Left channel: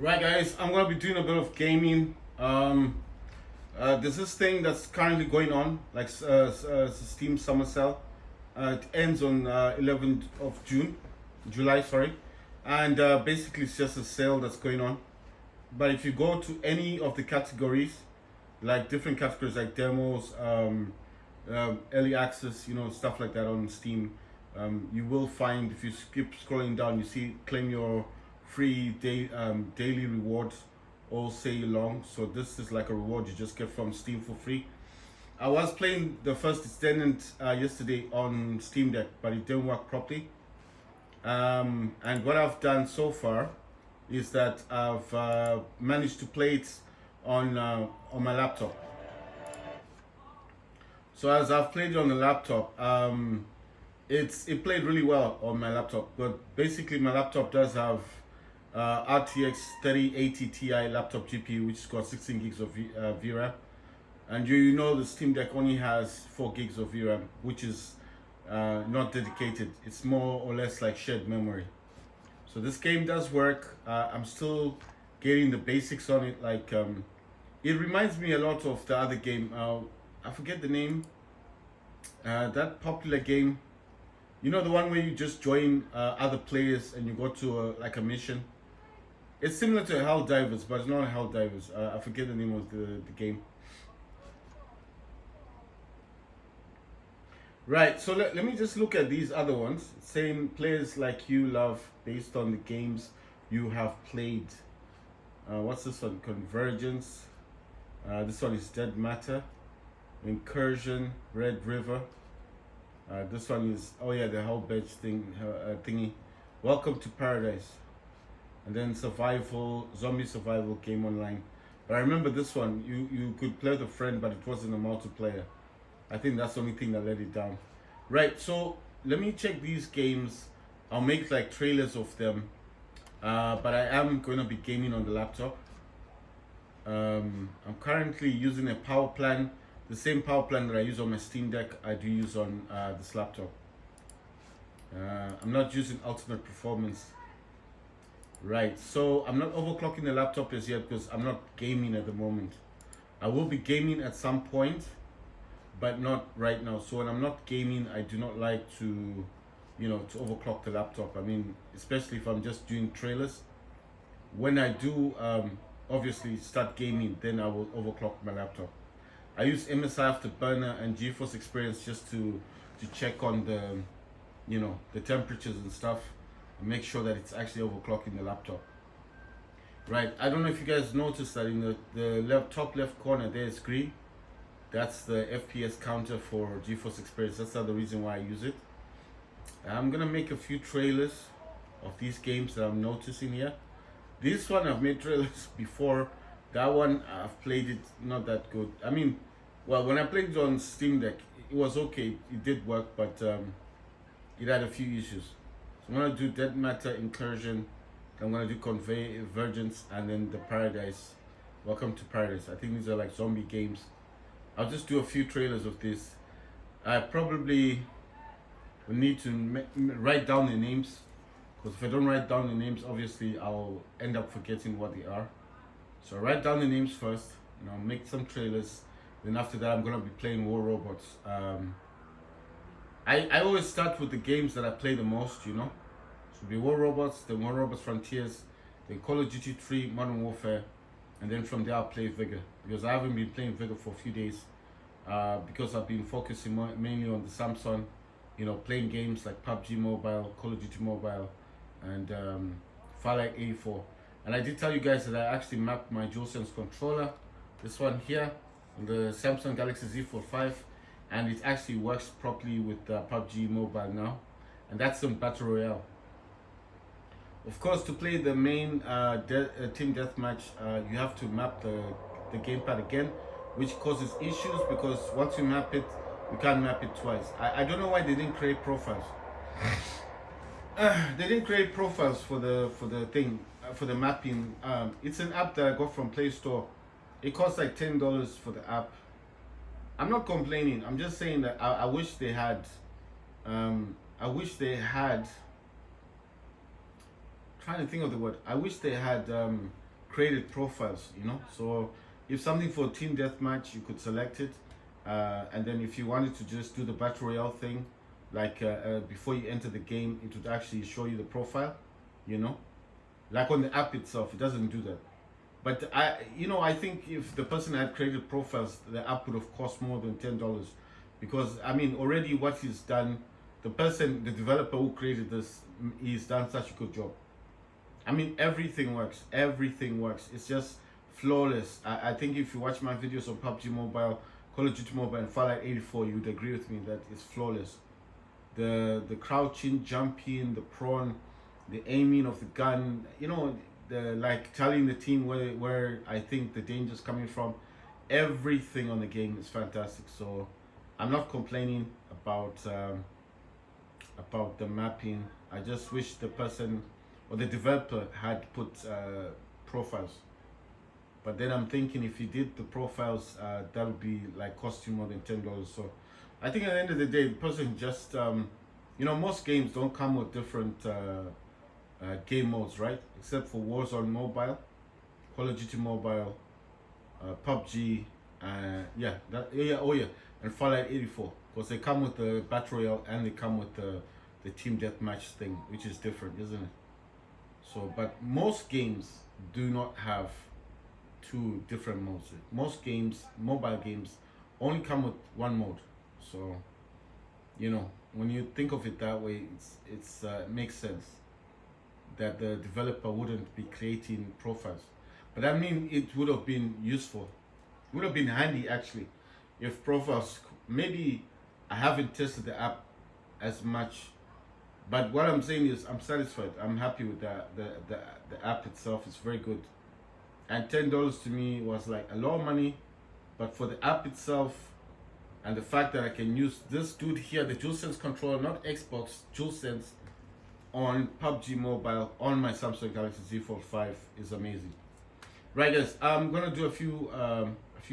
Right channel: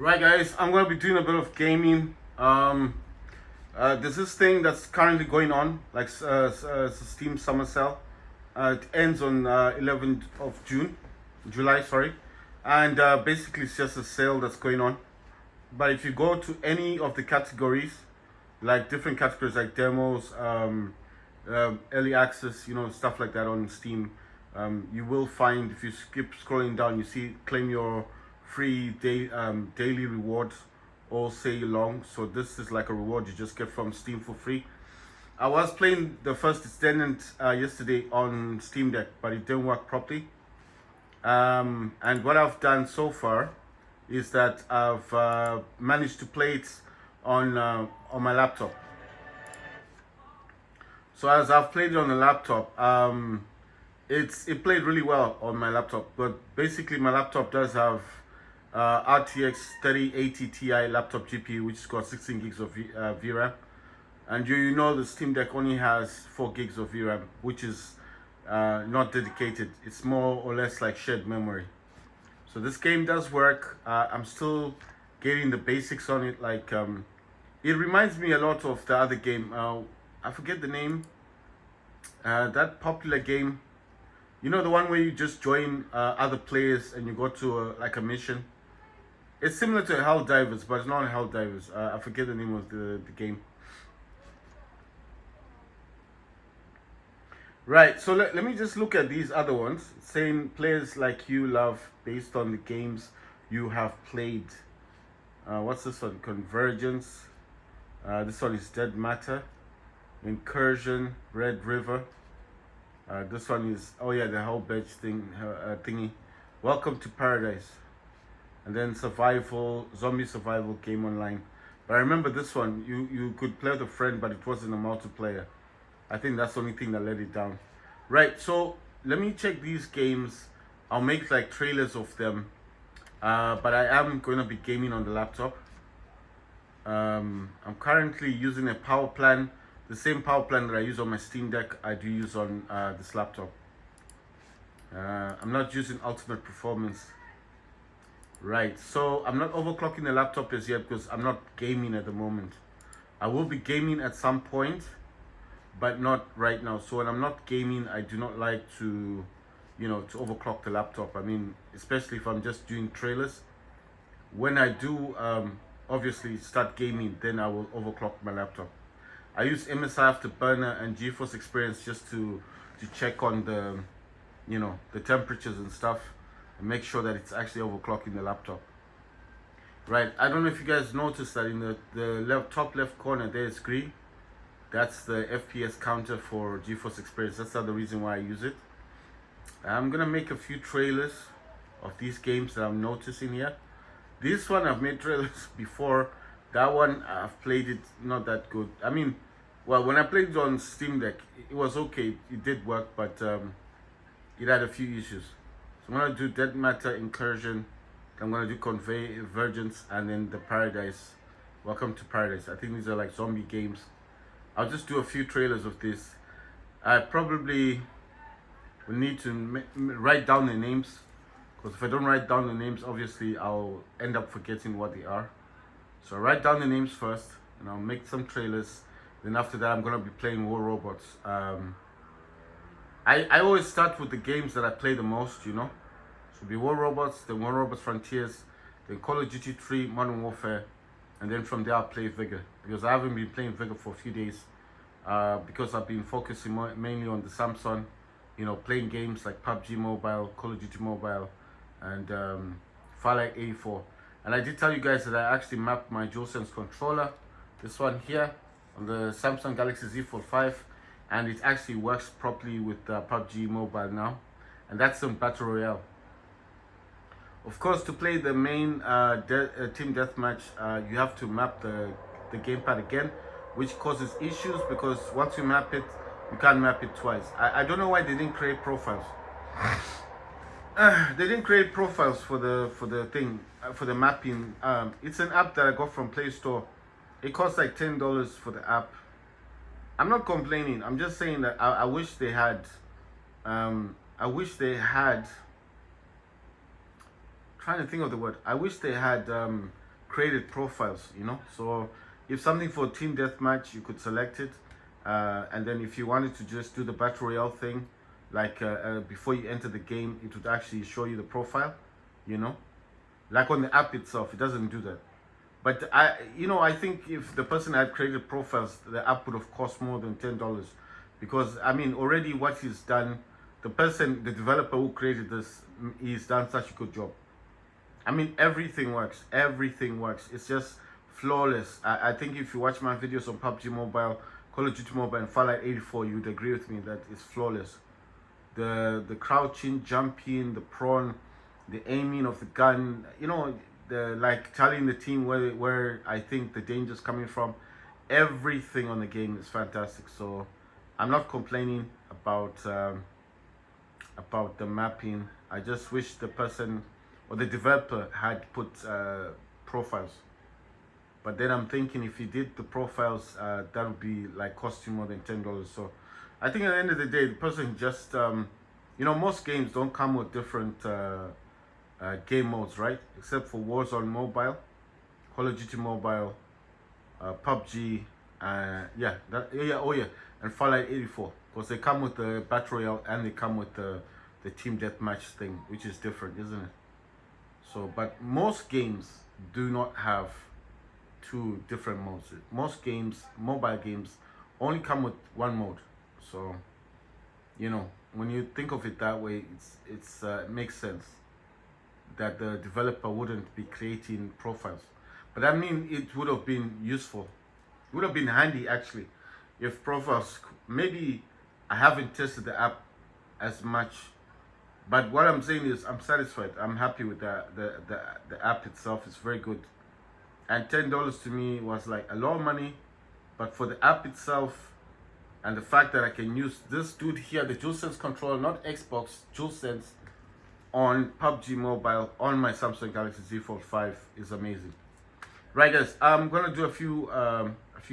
Right, guys, I'm gonna be doing a bit of gaming. There's this thing that's currently going on, like Steam Summer Sale. It ends on 11th of July, sorry, and basically it's just a sale that's going on. But if you go to any of the categories, like different categories like demos, early access, stuff like that on Steam, you will find if you skip scrolling down, you see claim your free daily rewards all say long. So this is like a reward you just get from Steam for free. I was playing the first extended yesterday on Steam Deck, but it didn't work properly. And what I've done so far is that I've managed to play it on my laptop. So as I've played it on the laptop, it played really well on my laptop. But basically, my laptop does have RTX 3080 Ti laptop GPU, which has got 16 gigs of VRAM. And you know the Steam Deck only has 4 gigs of VRAM, which is not dedicated. It's more or less like shared memory. So this game does work. I'm still getting the basics on it. Like it reminds me a lot of the other game. I forget the name. That popular game. You know, the one where you just join other players and you go to like a mission. It's similar to Helldivers, but it's not Helldivers. I forget the name of the game. Right, so let me just look at these other ones. Saying players like you love based on the games you have played. What's this one? Convergence. This one is Dead Matter. Incursion, Red River. This one is, oh yeah, the whole badge thingy. Welcome to Paradise. And then survival, zombie survival game online. But I remember this one, you could play with a friend, but it wasn't a multiplayer. I think that's the only thing that let it down. Right, so let me check these games. I'll make like trailers of them. But I am going to be gaming on the laptop. I'm currently using a power plan. The same power plan that I use on my Steam Deck, I do use on this laptop. I'm not using ultimate performance. Right, so I'm not overclocking the laptop as yet because I'm not gaming at the moment. I will be gaming at some point, but not right now. So when I'm not gaming, I do not like to, to overclock the laptop. I mean, especially if I'm just doing trailers. When I do, obviously start gaming, then I will overclock my laptop. I use MSI Afterburner and GeForce Experience just to check on the, the temperatures and stuff, and make sure that it's actually overclocking the laptop. Right, I don't know if you guys noticed that in the top left corner there is green. That's the FPS counter for GeForce Experience. That's the other reason why I use it. I'm gonna make a few trailers of these games that I'm noticing here. This one I've made trailers before. That one I've played it not that good. I mean, well, when I played it on Steam Deck, it was okay. It did work, but it had a few issues. So I'm gonna do Dead Matter, Incursion. I'm gonna do Convergence, and then the Paradise. Welcome to Paradise. I think these are like zombie games. I'll just do a few trailers of this. I probably will need to write down the names, because if I don't write down the names, obviously I'll end up forgetting what they are. So I'll write down the names first, and I'll make some trailers. Then after that, I'm gonna be playing War Robots. I always start with the games that I play the most, So it'll be War Robots, then War Robots Frontiers, then Call of Duty 3, Modern Warfare, and then from there I'll play Vigor, because I haven't been playing Vigor for a few days, because I've been focusing mainly on the Samsung, playing games like PUBG Mobile, Call of Duty Mobile, and Fallout 84. And I did tell you guys that I actually mapped my DualSense controller, this one here, on the Samsung Galaxy Z Fold 5, and it actually works properly with PUBG Mobile now, and that's some Battle Royale. Of course, to play the main team deathmatch, you have to map the gamepad again, which causes issues because once you map it, you can't map it twice. I don't know why they didn't create profiles. They didn't create profiles for the thing, for the mapping. It's an app that I got from Play Store. It costs like $10 for the app. I'm not complaining. I'm just saying that I wish they had. Trying to think of the word. I wish they had created profiles, you know. So if something for team deathmatch, you could select it, and then if you wanted to just do the battle royale thing, like before you enter the game, it would actually show you the profile, you know, like on the app itself. It doesn't do that. But I think if the person had created profiles, the app would have cost more than $10, because I mean, already what he's done, the developer who created this, he's done such a good job. I mean, everything works. Everything works. It's just flawless. I think if you watch my videos on PUBG Mobile, Call of Duty Mobile, and Fallout 84, you would agree with me that it's flawless. The crouching, jumping, the prawn, the aiming of the gun, you know, the like telling the team where I think the danger's coming from. Everything on the game is fantastic. So I'm not complaining about the mapping. I just wish the person or the developer had put profiles. But then I'm thinking if he did the profiles, that would be like costing more than $10. So I think at the end of the day, the person just most games don't come with different game modes, right? Except for Warzone Mobile, Call of Duty Mobile, PUBG, and Fallout 84, because they come with the Battle Royale and they come with the Team Deathmatch thing, which is different, isn't it? So, but most games do not have two different modes. Most games, mobile games, only come with one mode. So, when you think of it that way, it makes sense that the developer wouldn't be creating profiles. But I mean, it would have been useful. It would have been handy actually if profiles. Maybe I haven't tested the app as much, but what I'm saying is I'm satisfied. I'm happy with the app itself. It's very good, and $10 to me was like a lot of money, but for the app itself and the fact that I can use this dude here, the DualSense controller, not Xbox, DualSense, on PUBG Mobile on my Samsung Galaxy Z Fold 5 is amazing. Right, guys, I'm gonna do a few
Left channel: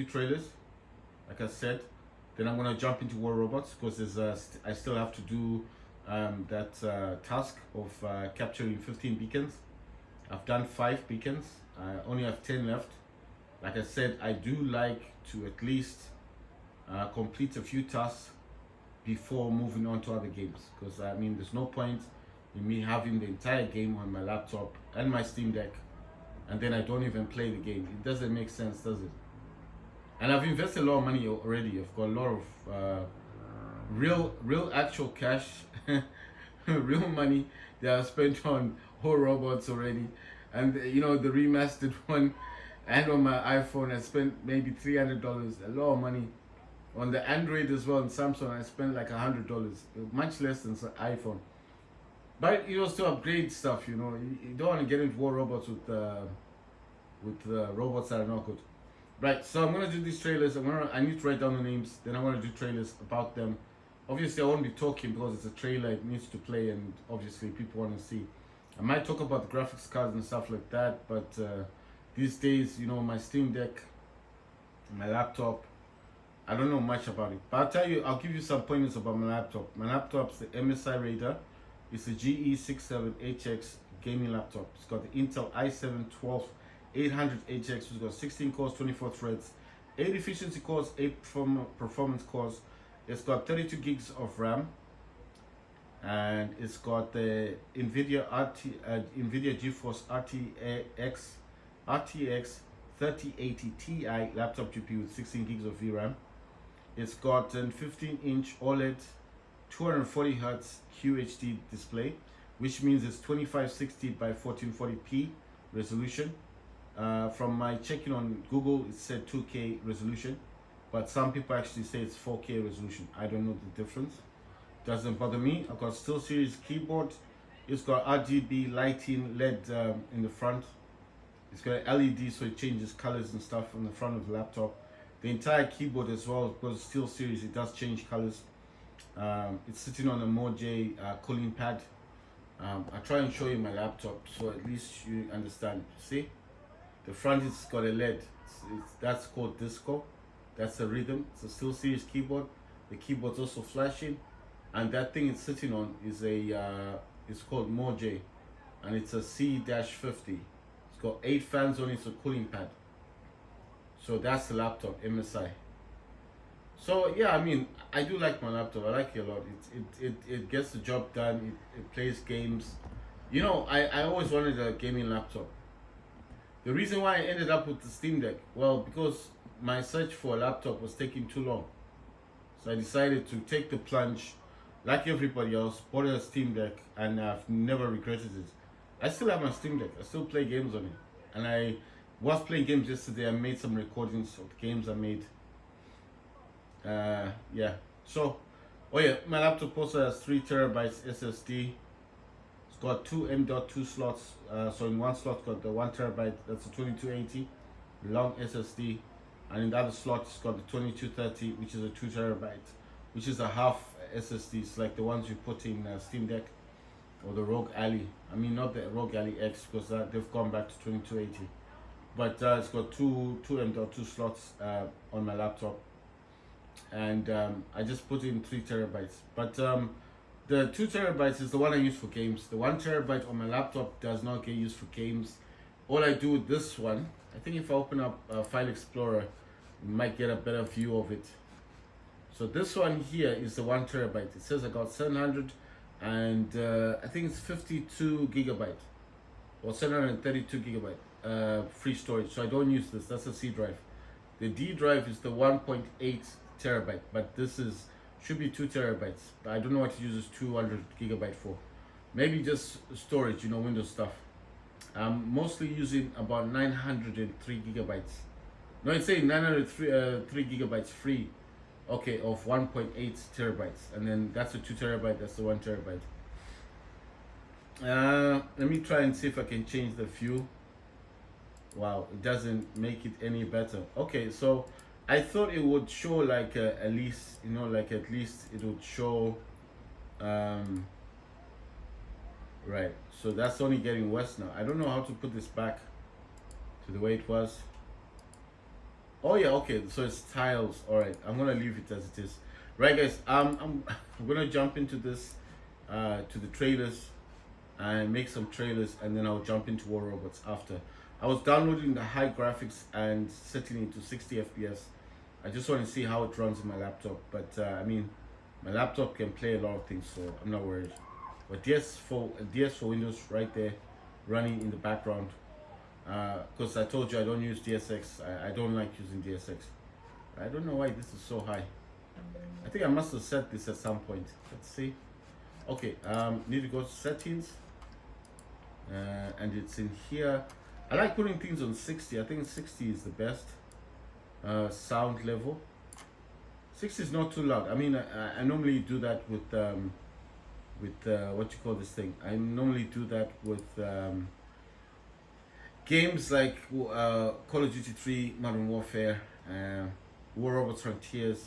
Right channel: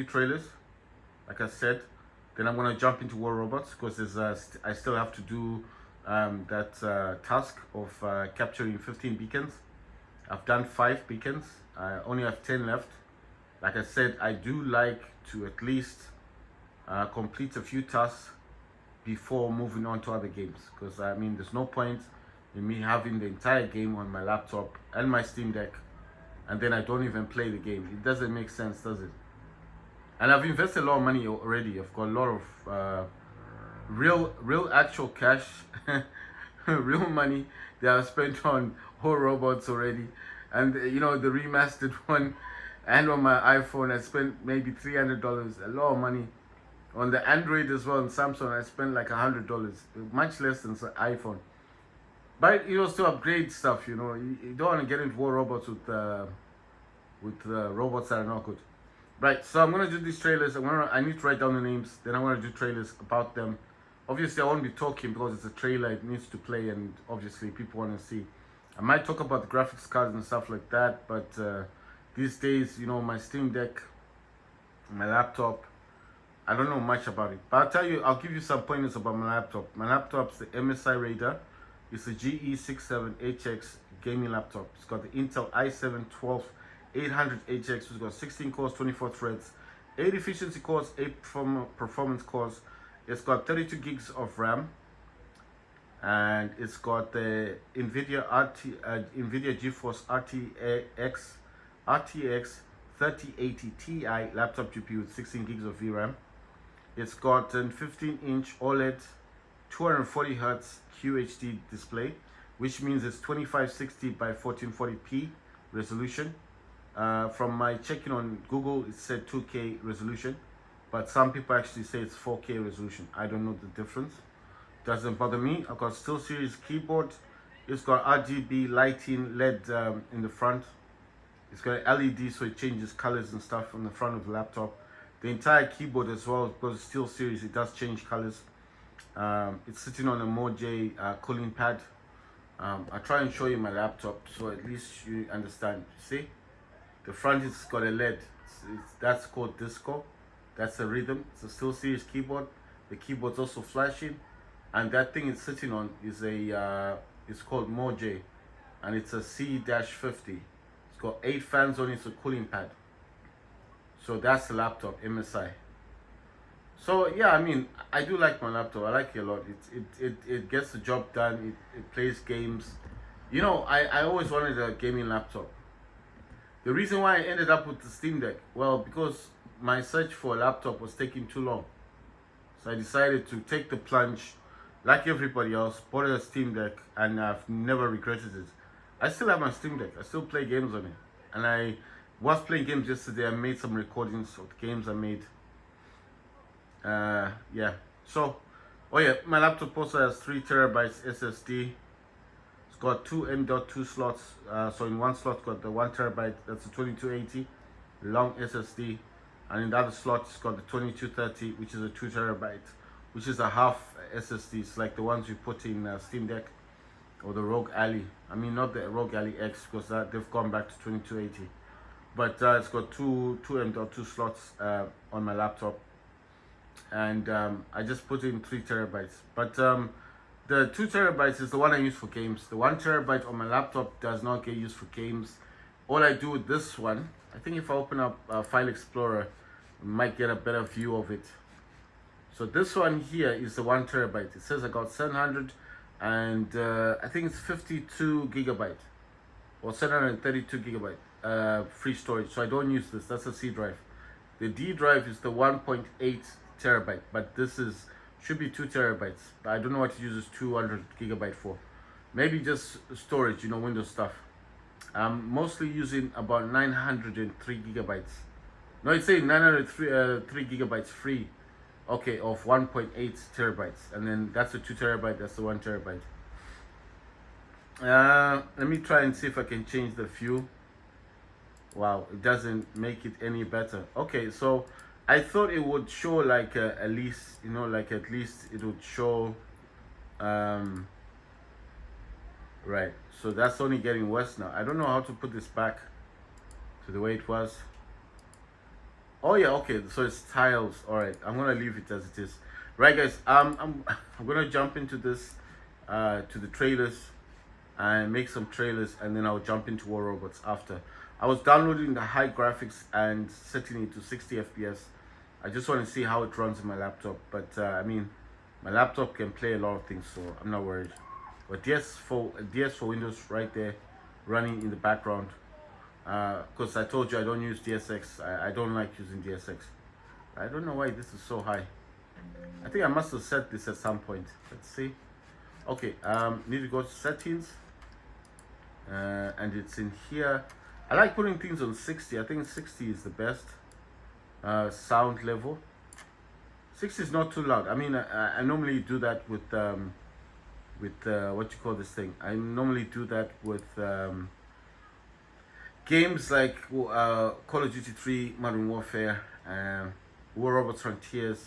trailers, like I said. Then I'm gonna jump into War Robots because I still have to do that task of capturing 15 beacons. I've done 5 beacons. I only have 10 left. Like I said, I do like to at least complete a few tasks before moving on to other games, because I mean, there's no point in me having the entire game on my laptop and my Steam Deck and then I don't even play the game. It doesn't make sense, does it? And I've invested a lot of money already. I've got a lot of real actual cash, real money that I've spent on War Robots already. And the remastered one, and on my iPhone I spent maybe $300, a lot of money. On the Android as well, and Samsung I spent like $100, much less than the iPhone. But to upgrade stuff, you don't want to get into War Robots with robots that are not good. Right, so I'm gonna do these trailers. I need to write down the names. Then I'm gonna do trailers about them. Obviously, I won't be talking because it's a trailer. It needs to play, and obviously, people want to see. I might talk about the graphics cards and stuff like that. But these days, my Steam Deck, my laptop, I don't know much about it. But I'll give you some pointers about my laptop. My laptop's the MSI Raider. It's a GE67HX gaming laptop. It's got the Intel i7-12800HX. It's got 16 cores, 24 threads, 8 efficiency cores, 8 performance cores. It's got 32 gigs of RAM, and it's got the NVIDIA GeForce RTX 3080 Ti laptop GPU with 16 gigs of VRAM. It's got a 15-inch OLED 240Hz QHD display, which means it's 2560 by 1440p resolution. From my checking on Google, it said 2K resolution, but some people actually say it's 4K resolution. I don't know the difference. Doesn't bother me. I've got SteelSeries keyboard. It's got RGB lighting, LED in the front. It's got an LED, so it changes colors and stuff on the front of the laptop. The entire keyboard as well, because it's SteelSeries, it does change colors. It's sitting on a Moj cooling pad. I'll try and show you my laptop so at least you understand. See, the front has got a LED. That's called Disco. That's a rhythm. It's a SteelSeries keyboard. The keyboard's also flashing, and that thing it's sitting on is it's called Moj, and it's a C-50. It's got 8 fans on it, it's a cooling pad. So that's the laptop, MSI. So yeah, I mean, I do like my laptop. I like it a lot. It gets the job done. It plays games. You know, I always wanted a gaming laptop. The reason why I ended up with the Steam Deck, well, because my search for a laptop was taking too long. So I decided to take the plunge, like everybody else, bought a Steam Deck, and I've never regretted it. I still have my Steam Deck. I still play games on it. And I was playing games yesterday. I made some recordings of games I made. Yeah. So, oh yeah, my laptop also has 3 terabytes SSD. It's got 2 M.2 slots. So in one slot, got the 1 terabyte. That's a 2280 long SSD, and in the other slot, it's got the 2230, which is a 2 terabyte, which is a half SSD. It's like the ones you put in Steam Deck or the Rogue Ally. I mean, not the Rogue Ally X, because they've gone back to 2280. But it's got two M.2 slots on my laptop, and I just put in 3 terabytes. But the 2 terabytes is the one I use for games. The 1 terabyte on my laptop does not get used for games. All I do with this one, I think if I open up File Explorer, I might get a better view of it. So this one here is the 1 terabyte. It says I got 700 and I think it's 52 gigabyte or 732 gigabyte free storage. So I don't use this. That's a C drive. The D drive is the 1.8 terabyte, but this should be 2 terabytes. But I don't know what it uses 200 gigabyte for. Maybe just storage, you know, Windows stuff. I'm mostly using about 903 gigabytes. No, it's saying 903 gigabytes free. Okay, of 1.8 terabytes, and then that's a 2 terabyte. That's the 1 terabyte. Let me try and see if I can change the view. Wow, it doesn't make it any better. Okay, so I thought it would show like at least, you know, like at least it would show. Right, so that's only getting worse now. I don't know how to put this back to the way it was. Oh yeah, okay, so it's tiles. All right, I'm gonna leave it as it is. Right, guys, I'm gonna jump into this, to the trailers, and make some trailers, and then I'll jump into War Robots after. I was downloading the high graphics and setting it to 60 FPS. I just want to see how it runs in my laptop, but I mean, my laptop can play a lot of things, so I'm not worried. But DS for Windows right there, running in the background. Because I told you I don't use DSX. I don't like using DSX. I don't know why this is so high. I think I must have set this at some point. Let's see. Okay, need to go to settings, and it's in here. I like putting things on 60. I think 60 is the best sound level. 60 is not too loud. I mean, I normally do that with what you call this thing. I normally do that with games like Call of Duty 3, Modern Warfare, War Robots Frontiers.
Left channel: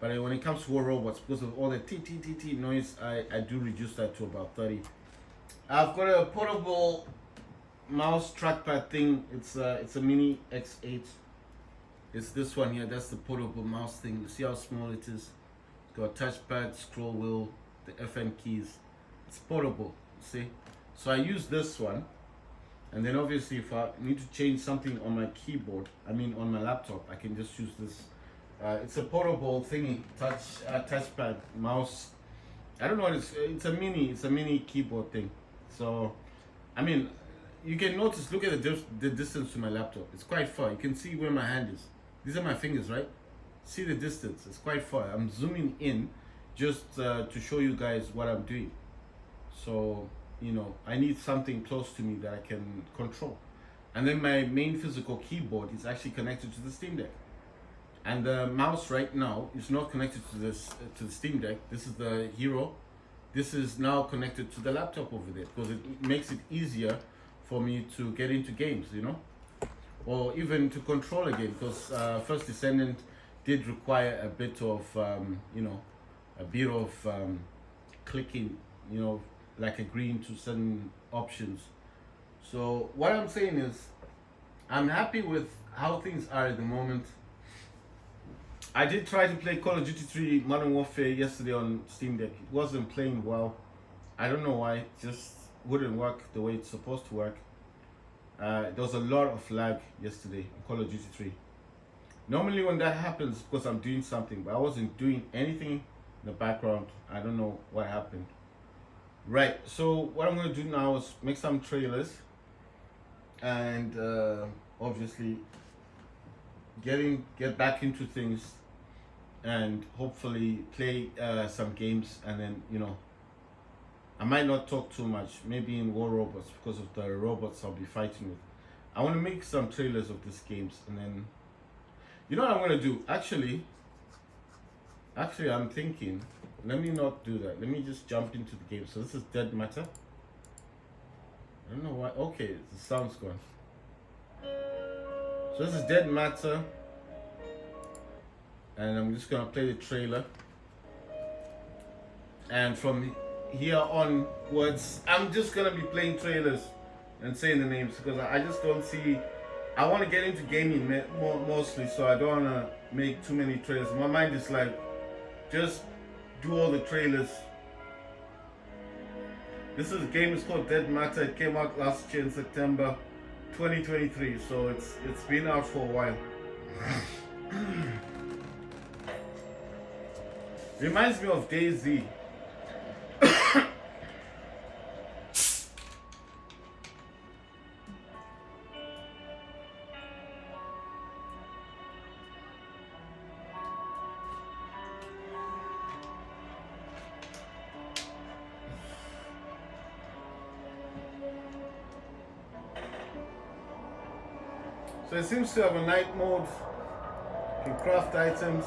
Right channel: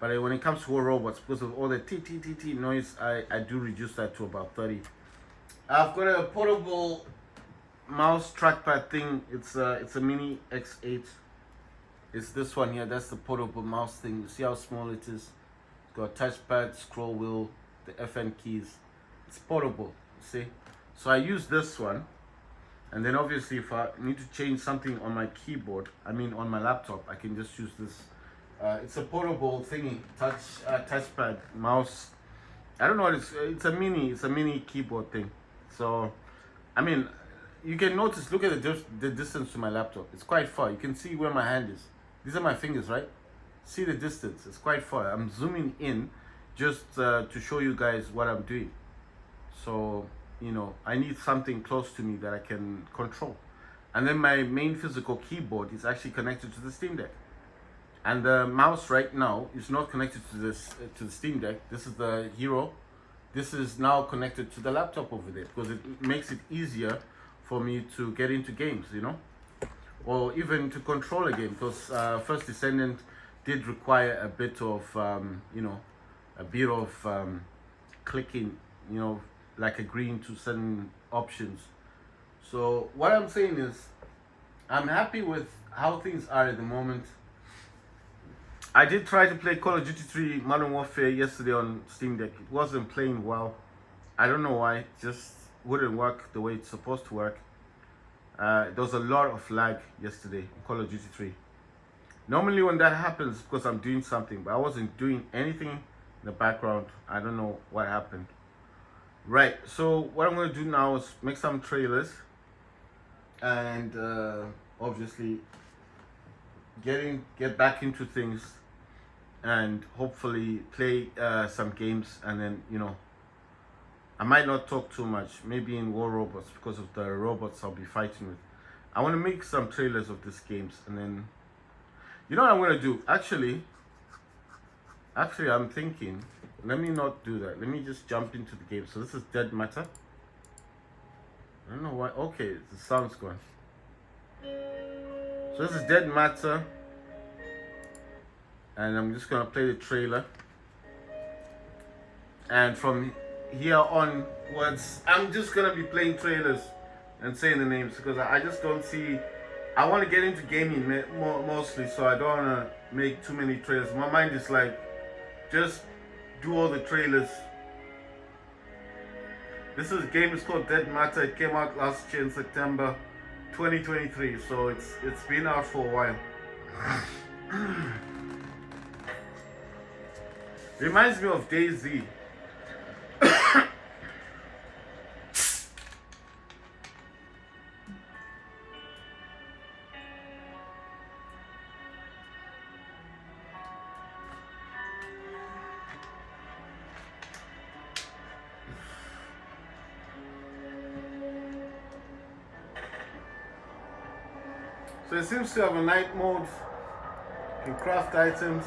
But when it comes to War Robots, because of all the t noise, I do reduce that to about 30. I've got a portable mouse trackpad thing. It's a Mini X8. It's this one here. That's the portable mouse thing. You see how small it is? It's got a touchpad, scroll wheel, the FN keys. It's portable. See? So I use this one. And then obviously if I need to change something on my keyboard, I mean on my laptop, I can just use this. It's a portable thingy, touchpad, mouse. I don't know what it's a mini keyboard thing. So, I mean, you can notice, look at the distance to my laptop. It's quite far. You can see where my hand is. These are my fingers, right? See the distance, it's quite far. I'm zooming in just to show you guys what I'm doing. So, you know, I need something close to me that I can control. And then my main physical keyboard is actually connected to the Steam Deck. And the mouse right now is not connected to the Steam Deck. This is the Hero. This is now connected to the laptop over there because it makes it easier for me to get into games, you know, or even to control a game, because First Descendant did require a bit of, you know, clicking, you know, like agreeing to certain options. So what I'm saying is, I'm happy with how things are at the moment. I did try to play Call of Duty 3 Modern Warfare yesterday on Steam Deck. It wasn't playing well. I don't know why. It just wouldn't work the way it's supposed to work. There was a lot of lag yesterday in Call of Duty 3. Normally when that happens, because I'm doing something, but I wasn't doing anything in the background. I don't know what happened. Right, so what I'm going to do now is make some trailers and obviously get back into things and hopefully play some games, and then I might not talk too much, maybe in War Robots, because of the robots I'll be fighting with. I want to make some trailers of these games, and then what I'm going to do. Actually I'm thinking, let me not do that. Let me just jump into the game. So this is Dead Matter. I don't know why. Okay, the sound's gone. So this is Dead Matter, and I'm just gonna play the trailer. And from here onwards, I'm just gonna be playing trailers and saying the names, because I just don't see. I want to get into gaming mostly, so I don't want to make too many trailers. My mind is like, just do all the trailers. This game is called Dead Matter. It came out last year in September 2023, so it's been out for a while. Reminds me of DayZ. So it seems to have a night mode. You can craft items.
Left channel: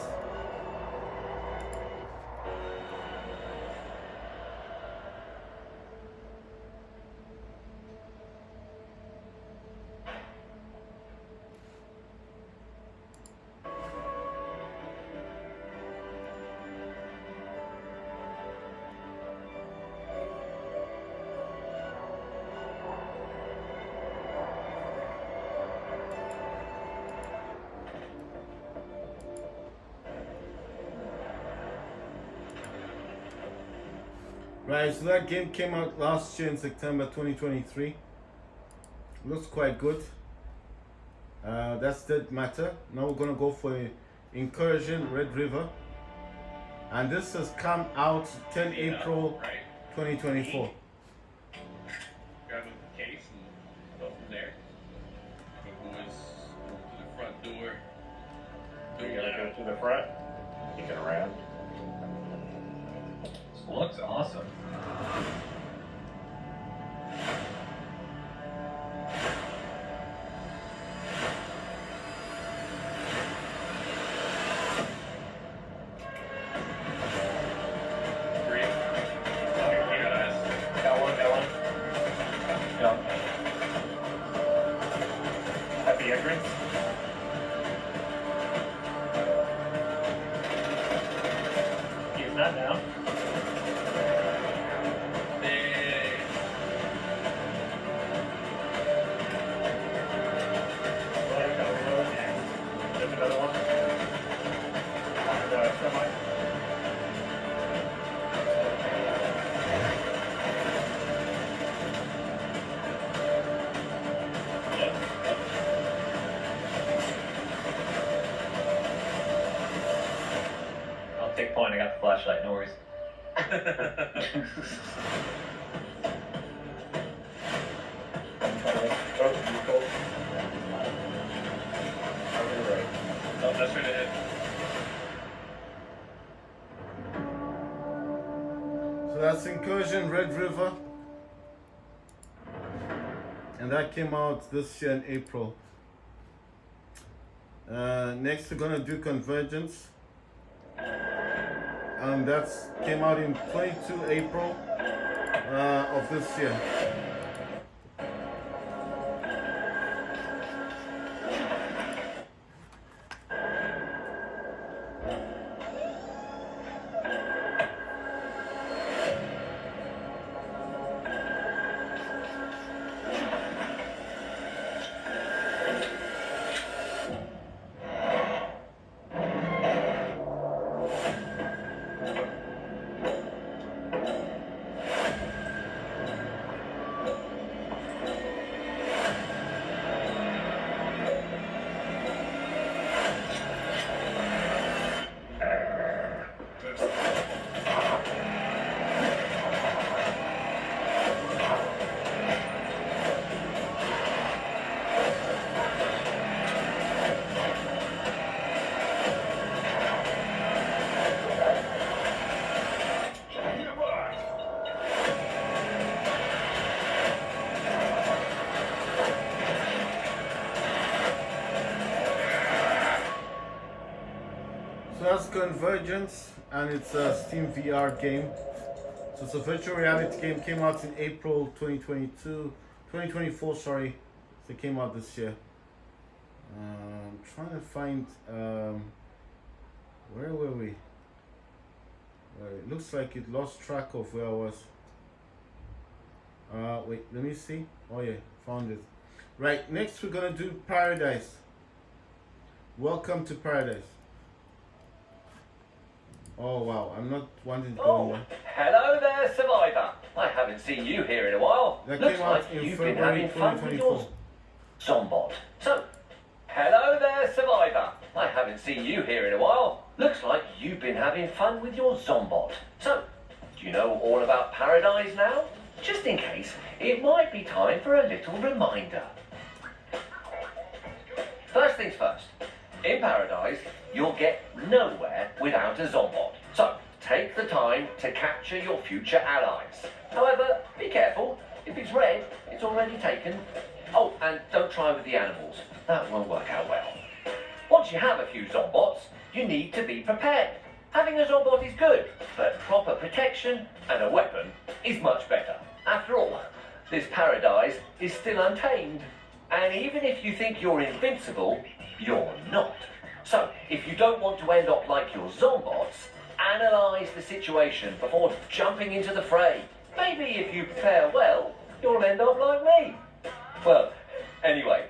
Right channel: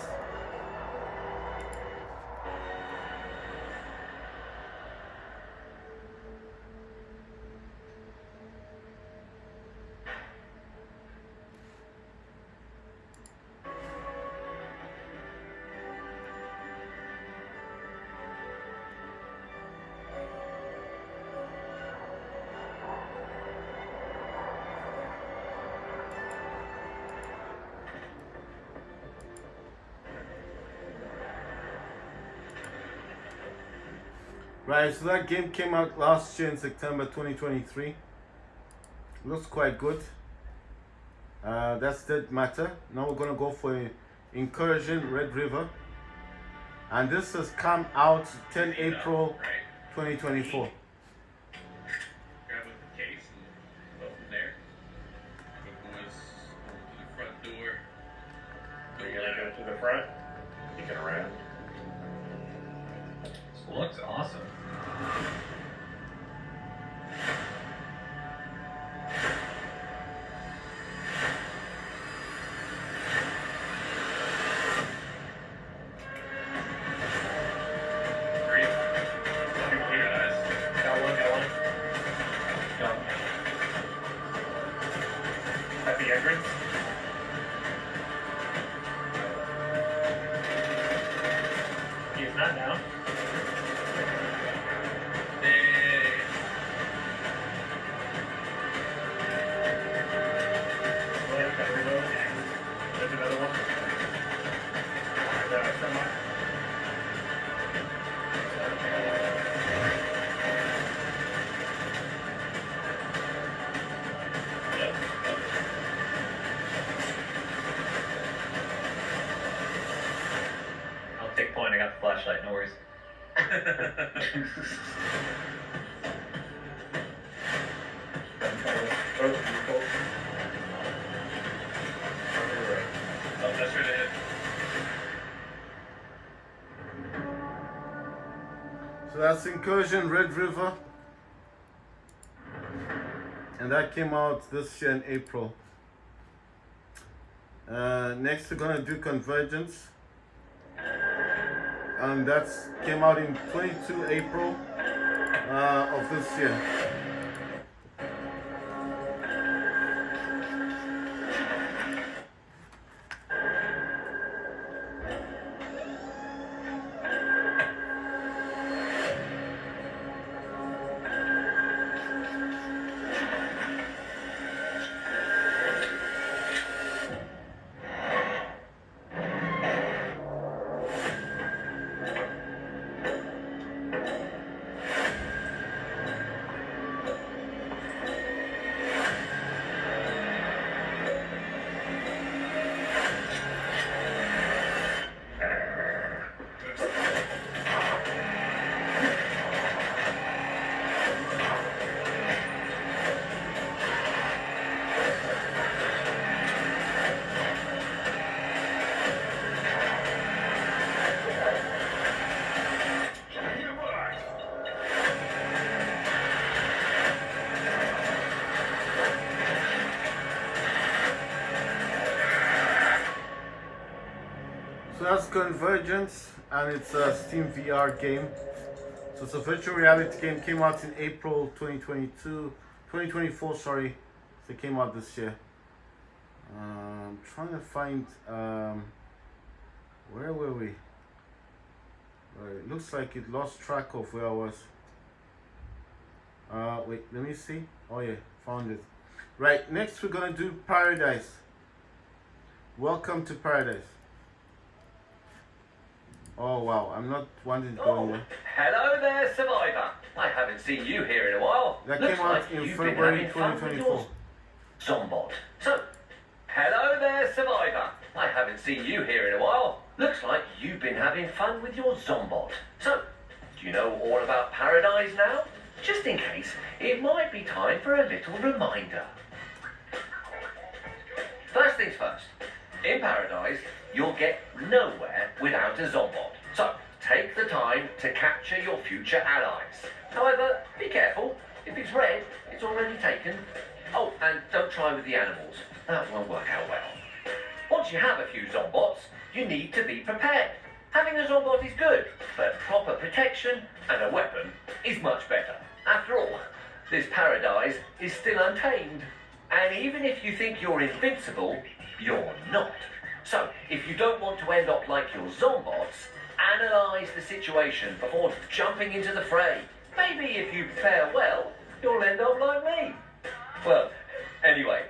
Right, so that game came out last year in September 2023. Looks quite good. That's Dead Matter. Now we're gonna go for Incursion Red River. And this has come out 10 April 2024. Grab a case and go from there. Go to the front door. You're gonna go to the front, kick it around. This looks awesome. At the entrance. He's not now. There's another one. I'll take point, I got the flashlight, no worries. Oh, that's where they hit. So that's Incursion Red River. And that came out this year in April. Next we're gonna do Convergence. And that came out in 22 April of this year. So that's Convergence, and it's a Steam VR game. So it's a virtual reality game. Came out in April 2024. Sorry, so it came out this year. I'm trying to find where were we? It looks like it lost track of where I was. Wait, let me see. Oh yeah, found it. Right, next we're gonna do Paradise. Welcome to Paradise. Oh wow, I'm not wanting to go in there. Hello there, Survivor. I haven't seen you here in a while. That Looks came out like in you've February been having fun with your 2024. Zombot. So, hello there, Survivor. I haven't seen you here in a while. Looks like you've been having fun with your Zombot. So, do you know all about Paradize now? Just in case, it might be time for a little reminder. First things first. In Paradize, you'll get nowhere without a Zombot. So, take the time to capture your future allies. However, be careful. If it's red, it's already taken. Oh, and don't try with the animals. That won't work out well. Once you have a few Zombots, you need to be prepared. Having a Zombot is good, but proper protection and a weapon is much better. After all, this Paradise is still untamed. And even if you think you're invincible, you're not. So, if you don't want to end up like your Zombots, analyse the situation before jumping into the fray. Maybe if you fare well, you'll end up like me. Well, anyway,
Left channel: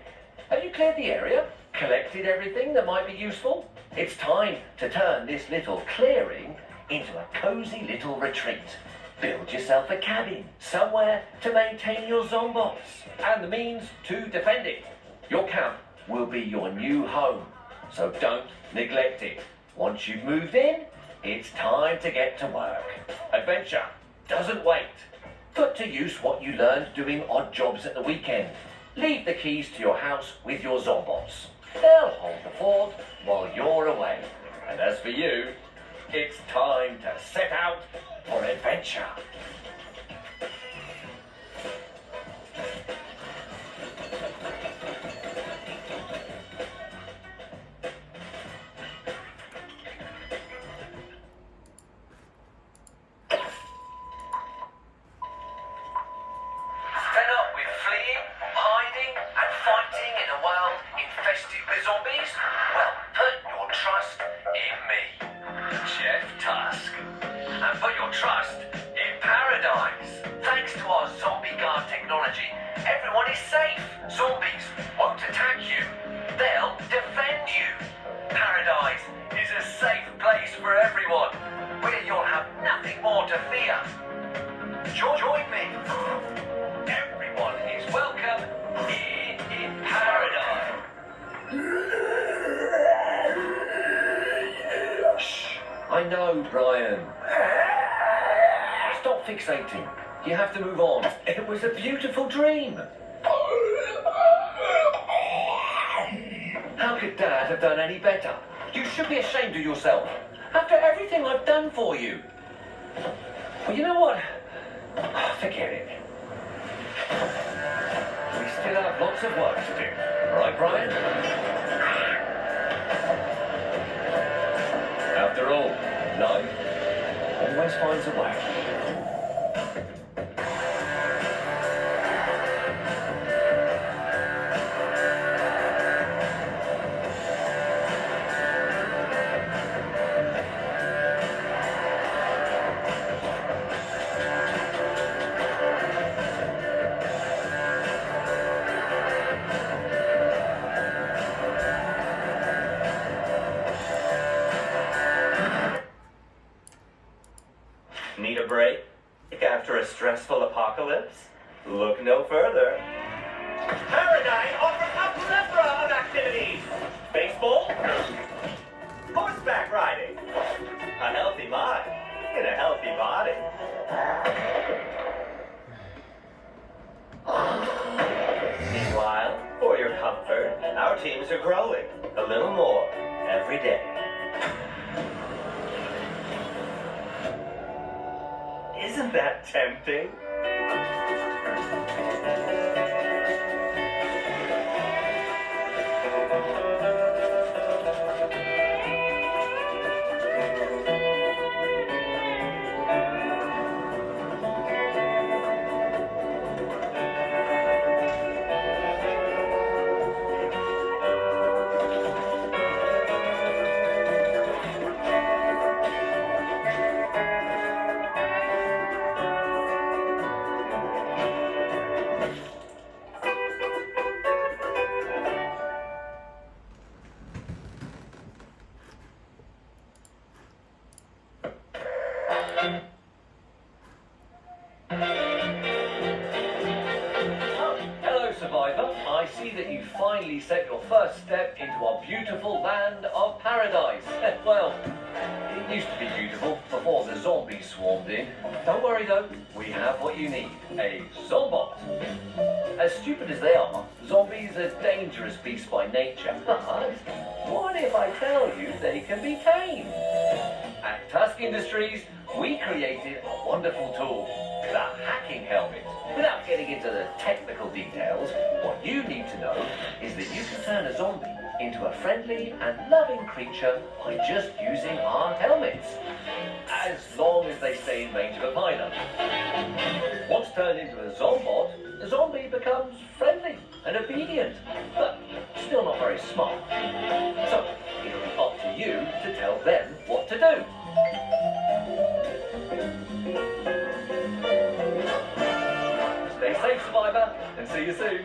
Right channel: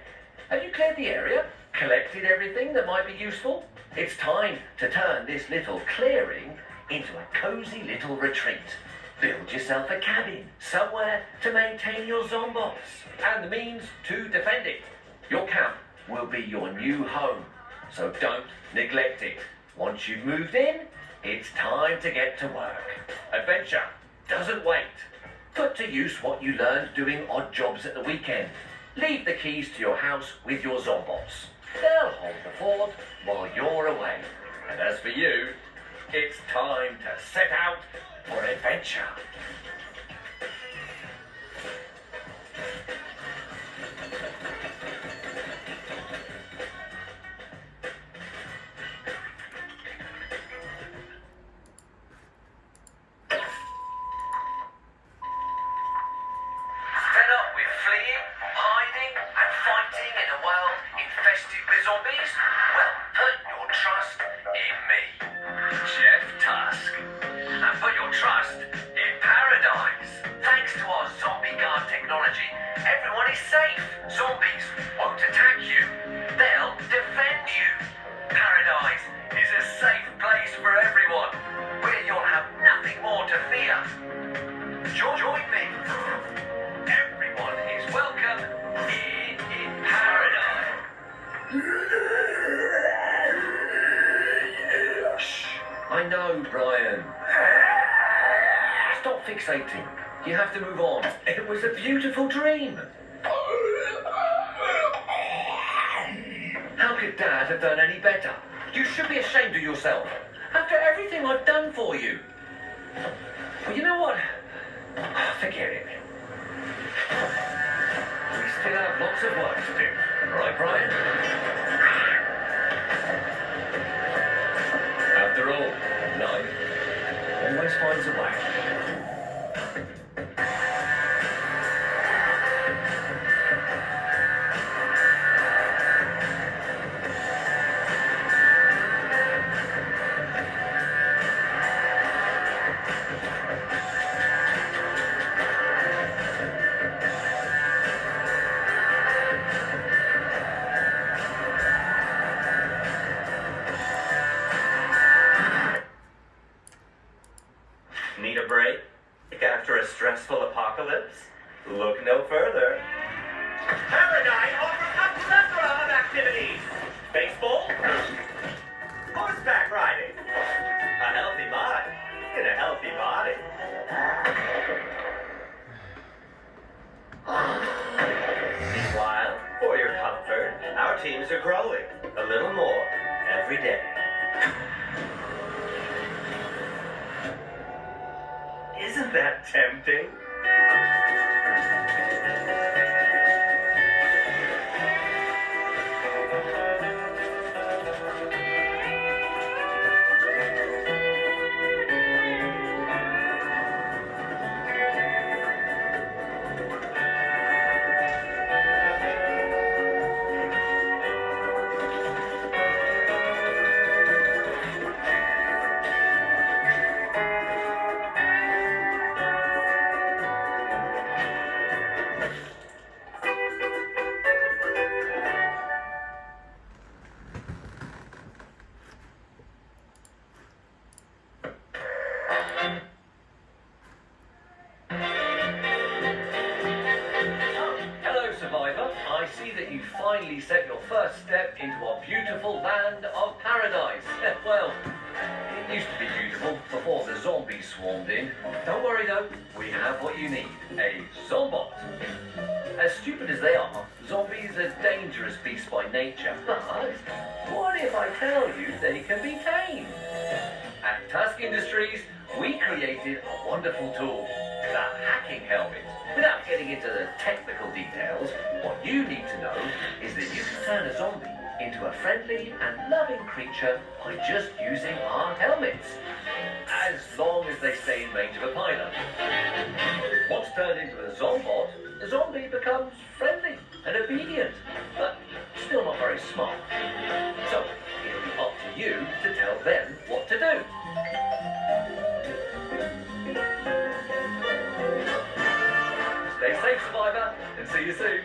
have you cleared the area? Collected everything that might be useful? It's time to turn this little clearing into a cosy little retreat. Build yourself a cabin, somewhere to maintain your Zombots, and the means to defend it. Your camp will be your new home, so don't neglect it. Once you've moved in, it's time to get to work. Adventure doesn't wait. Put to use what you learned doing odd jobs at the weekend. Leave the keys to your house with your Zombots. They'll hold the fort while you're away. And as for you, it's time to set out for adventure. Join me. Everyone is welcome in Paradise. Shh. I know, Brian. Stop fixating. You have to move on. It was a beautiful dream. How could Dad have done any better? You should be ashamed of yourself. After everything I've done for you. Well, you know what? Forget it. We still have lots of work to do. All right, Brian? After all, life always finds a way. Need a break? After a stressful apocalypse? Look no further. Paradise offers a plethora of activities. Baseball, horseback riding, a healthy mind in a healthy body. Meanwhile, for your comfort, our teams are growing a little more every day. Isn't that tempting? finally set your first step into our beautiful land of Paradise. Well, it used to be beautiful before the zombies swarmed in. Don't worry though, we have what you need, a Zombot. As stupid as they are, zombies are dangerous beasts by nature. But what if I tell you they can be tamed? At Tusk Industries, we created a wonderful tool, the hacking helmet. Without getting into the technical details, what you need to know is that you can turn a zombie into a friendly and loving creature by just using our helmets, as long as they stay in range of a pilot. Once turned into a Zombot, the zombie becomes friendly and obedient, but still not very smart. So, it'll be up to you to tell them what to do. Stay safe, Survivor, and see you soon.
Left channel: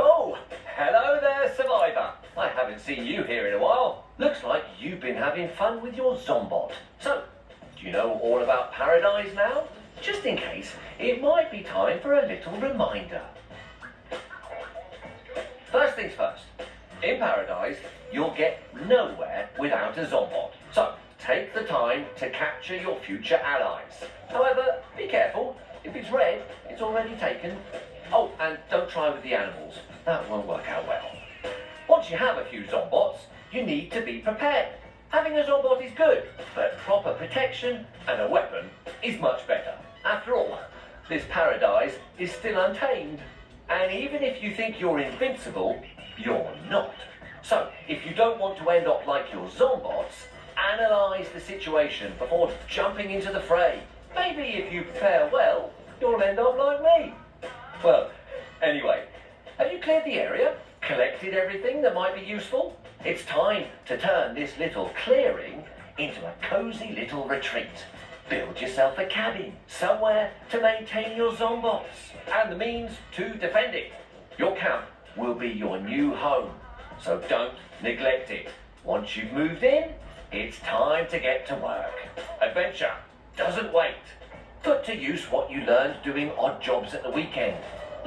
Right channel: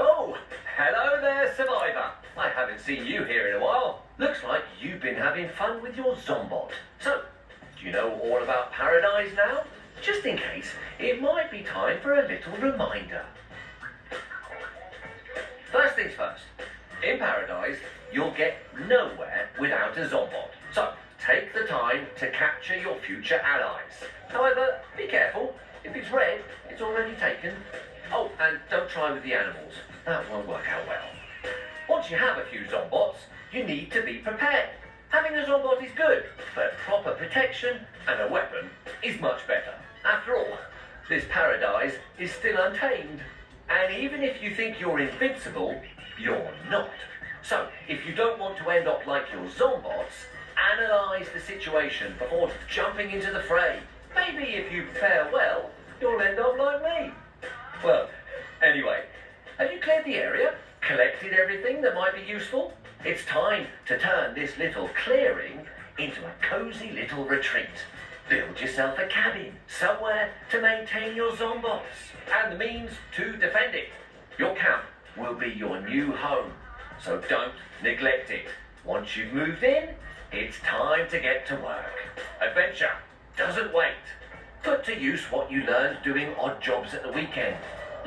Oh, hello there, Survivor. I haven't seen you here in a while. Looks like you've been having fun with your Zombot. So, do you know all about Paradize now? Just in case, it might be time for a little reminder. First things first. In Paradize, you'll get nowhere without a Zombot. So, take the time to capture your future allies. However, be careful. If it's red, it's already taken. Oh, and don't try with the animals. That won't work out well. Once you have a few Zombots, you need to be prepared. Having a Zombot is good, but proper protection and a weapon is much better. After all, this Paradize is still untamed. And even if you think you're invincible, you're not. So, if you don't want to end up like your Zombots, analyze the situation before jumping into the fray. Maybe if you fare well, you'll end up like me. Well, anyway, have you cleared the area? Collected everything that might be useful? It's time to turn this little clearing into a cozy little retreat. Build yourself a cabin, somewhere to maintain your Zombots, and the means to defend it. Your camp will be your new home, so don't neglect it. Once you've moved in, it's time to get to work. Adventure doesn't wait. Put to use what you learned doing odd jobs at the weekend.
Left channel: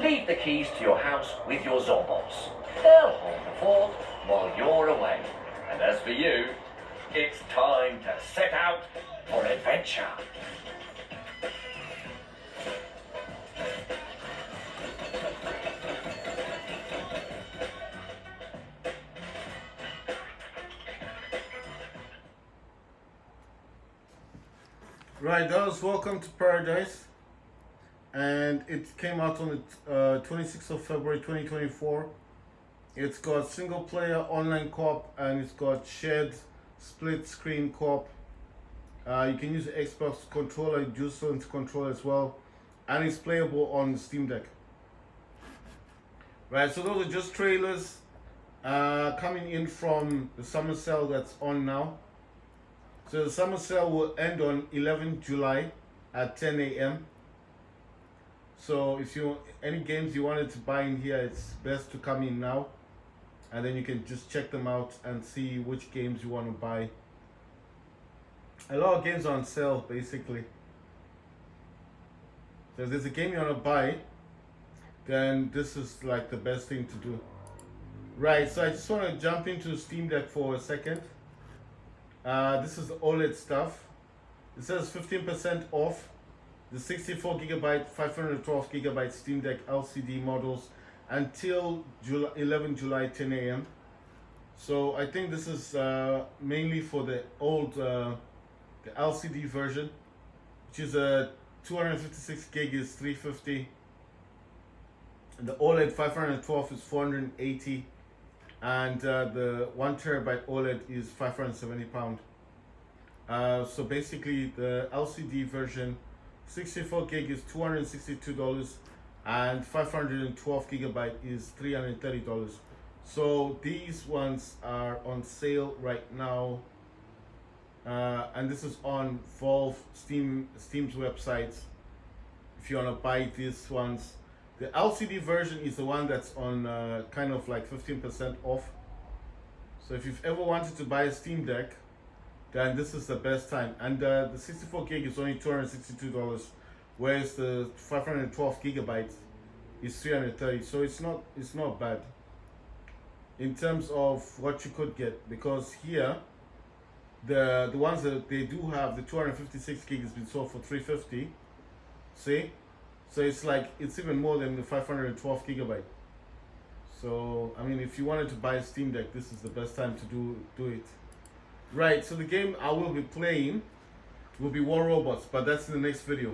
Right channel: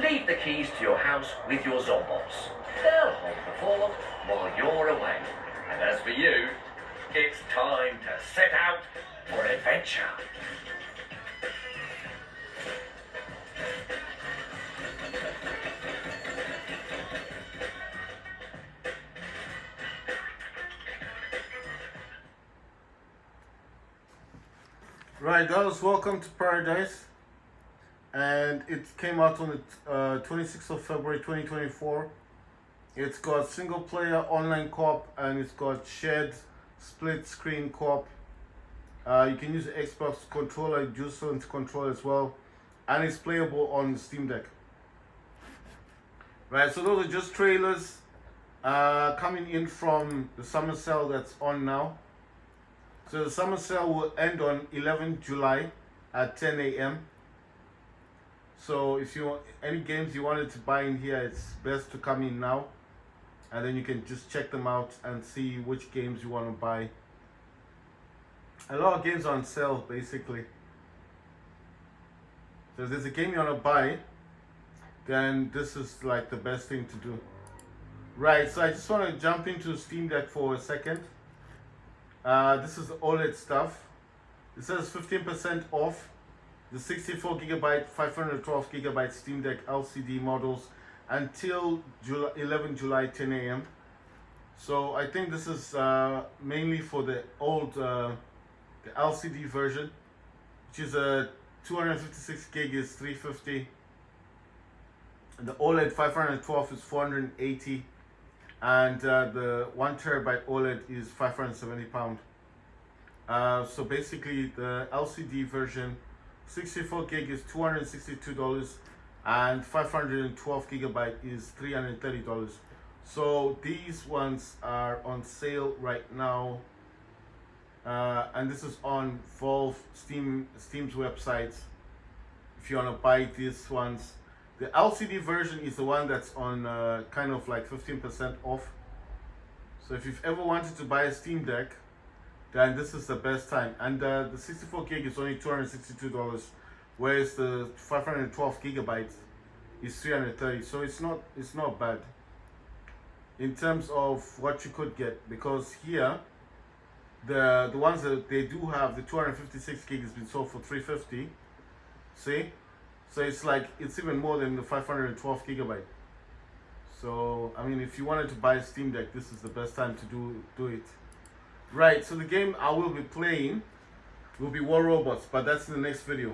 Leave the keys to your house with your Zombots. They'll hold the fort while you're away. And as for you, it's time to set out for adventure. Right, guys, welcome to Paradize. And it came out on the 26th of February 2024. It's got single player online co-op and it's got shared split screen co-op. You can use the Xbox controller, DualSense controller as well, and it's playable on the Steam Deck. Right, so those are just trailers coming in from the summer sale that's on now. So the summer sale will end on 11th July at 10 a.m. So if you any games you wanted to buy in here, it's best to come in now, and then you can just check them out and see which games you want to buy. A lot of games are on sale basically. So if there's a game you want to buy, then this is like the best thing to do. Right, so I just want to jump into Steam Deck for a second. This is the OLED stuff. It says 15% off. the 64 gigabyte, 512 gigabyte Steam Deck LCD models until 11 July 10 a.m. So I think this is mainly for the old the LCD version, which is a 256 gig is 350. The OLED 512 is 480, and the 1 terabyte OLED is 570 pound. So basically, the LCD version, 64 gig is $262, and 512 gigabyte is $330. So these ones are on sale right now, and this is on Valve Steam's website. If you want to buy these ones, the LCD version is the one that's on kind of like 15% off. So if you've ever wanted to buy a Steam Deck, then this is the best time. And the 64 gig is only $262, whereas the 512 gigabytes is $330. So it's not bad in terms of what you could get, because here the ones that they do have, the 256 gig has been sold for $350. See, so it's even more than the 512 gigabyte. So I mean, if you wanted to buy a Steam Deck, this is the best time to do it. Right, so the game I will be playing will be War Robots, but that's in the next video.